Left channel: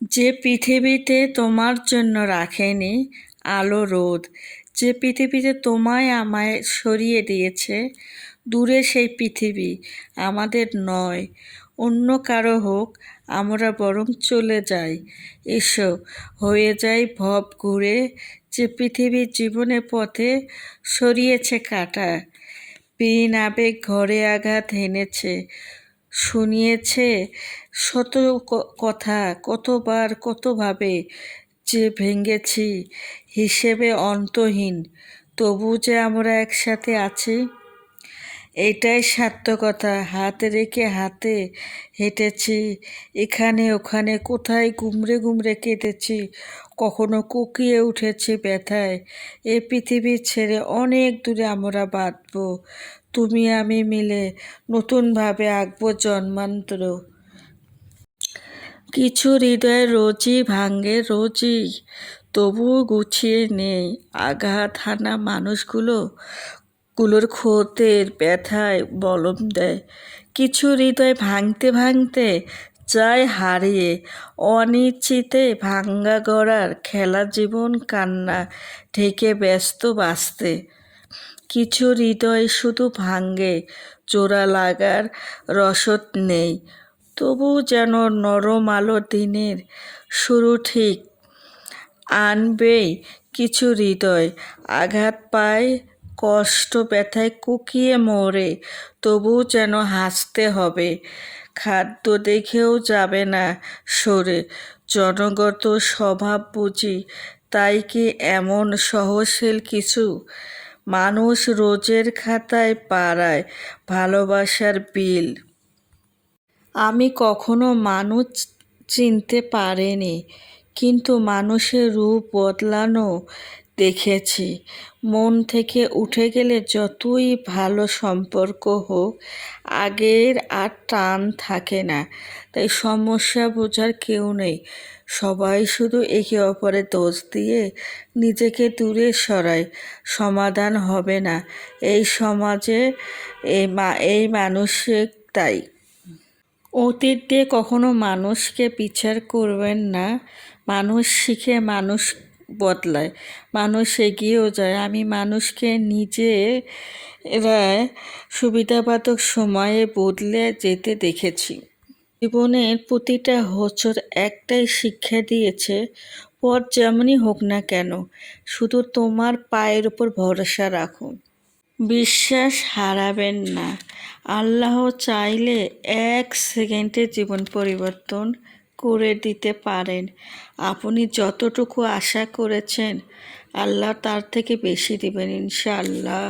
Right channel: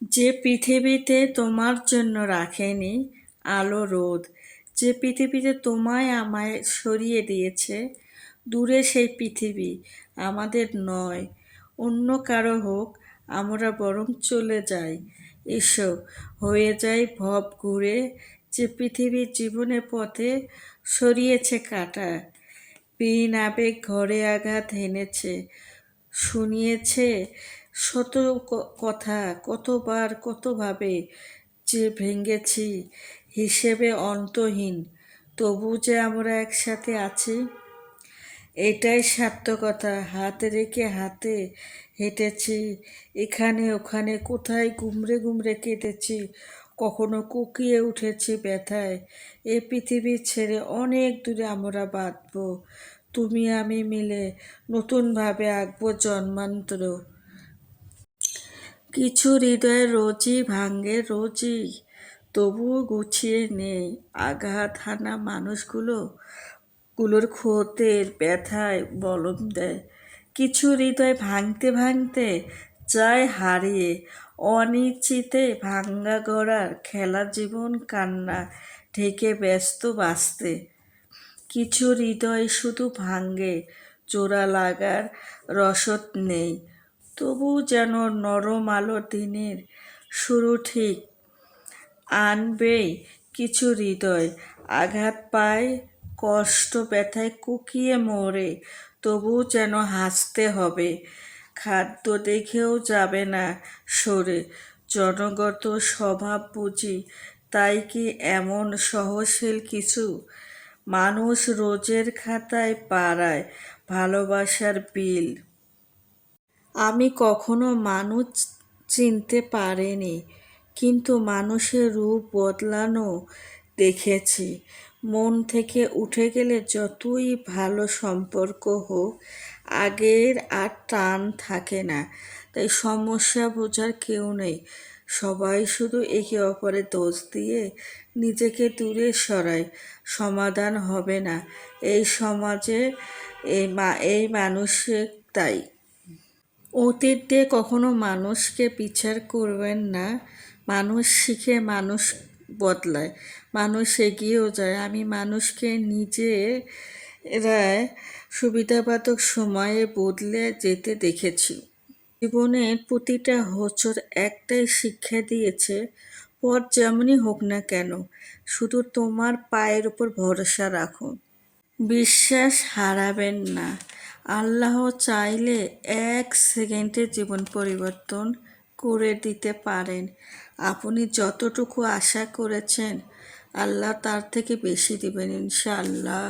যে পৃথিবীতে তোমার জন্য রাখেনি আলো রোদ, যে পৃথিবীতে তোমায় আমায় সরিয়ে দিয়েছে, দূরে সেই পৃথিবী আমাদের নয়। অন্য কারও হোক, আমরা বরং চলে যাই। এসো, হয়ে যাই ভব ঘুরে, যে পৃথিবীর জীবনের পথে সরিয়েছে কাটা। বিন আবেগ ঘরে আঘাত হেনেছে শুনিয়েছে শত কথা, কতবার কতভাবে যে ভেঙেছি হিসেবে অন্তহীন, তবু যে আমরা একসাথে আছি? এটাই সার্থকতা, হাত রেখে হাতে হেঁটেছি, এখানে ওখানে কোথায় গুমরে গুমরে কেটেছি কখনো কুকিয়ে উঠেছি ব্যথায়। এ পৃথিবী ছেড়ে অনেক দূরে আমরা বাঁধব তুমি আমি মিলে নতুনভাবে আঁকবো জন্মান্তর। কিছু হৃদয় রোজই ভাঙ্গে রোজই তবুও গুছিয়ে নেই। আঘাত হানা মানুষগুলো, গুলোর ক্ষতের ব্যথায় বলম দেয়। কিছু হৃদয় ভাঙতে ভাঙতে যায় হারিয়ে, অনিশ্চিতে ভাঙ্গা গড়ার খেলা জীবন কান্না ঢেকে ব্যস্ত বাঁচতে। কিছু হৃদয় শুধু ভাঙ্গে, জোড়া লাগার রসদ নেই। তবু যেন নরম আলো দিনের শুরু ঠিক আনবেই কিছু হৃদয়। আঘাত পায়, কষ্ট ব্যথায় কুকিয়ে মরে, তবু যেন হাসতে হবে। খাদ্য দেখেও যাবে না সরে। জনগত স্বভাব বুঝি, তাই কি এমন সহশীল কিছু? মানুষ রোজের খাতায় পাড়ায় ভালোবাসার বিল। আমি কখনো মানুষ চিনতে পারিনি, কিন্তু মানুষের রূপ বদলানো দেখেছি। মন থেকে উঠে গেলে যতই ভালো সম্পর্ক হোক, আগের আর টান থাকে না। তাই সমস্যা বোঝার কেউ নেই। সবাই শুধু একে অপরের দোষ দিয়ে নিজেকে দূরে সরায়। সমাধান হবে না। এই সমাজে এই মা, এই মানসিক তাই। অতীত দিয়ে কখনো মানুষকে বিচার করবেন না। মানুষ শিখে মানুষ বদলায়। মানুষ এগিয়েও যায়। আমি মানুষকে নিজে এরা সুবিধাবাদক সময়ে বদলে যেতে দেখেছি। জীবনের প্রতিটা হোঁচট একটাই শিক্ষা দিয়েছে, পথ যেমনই হোক না কেন, শুধু তোমার পায়ের উপর ভরসা রাখুন বিশ্বাস হারাবেন না। আল্লাহ চাইলে এক সেকেন্ডে জীবন পরিবর্তন করে দিতে পারেন। আপনি যতটুকু আশা করেছেন আল্লাহ তার থেকে বেশি দেবেন ইনশাআল্লাহ।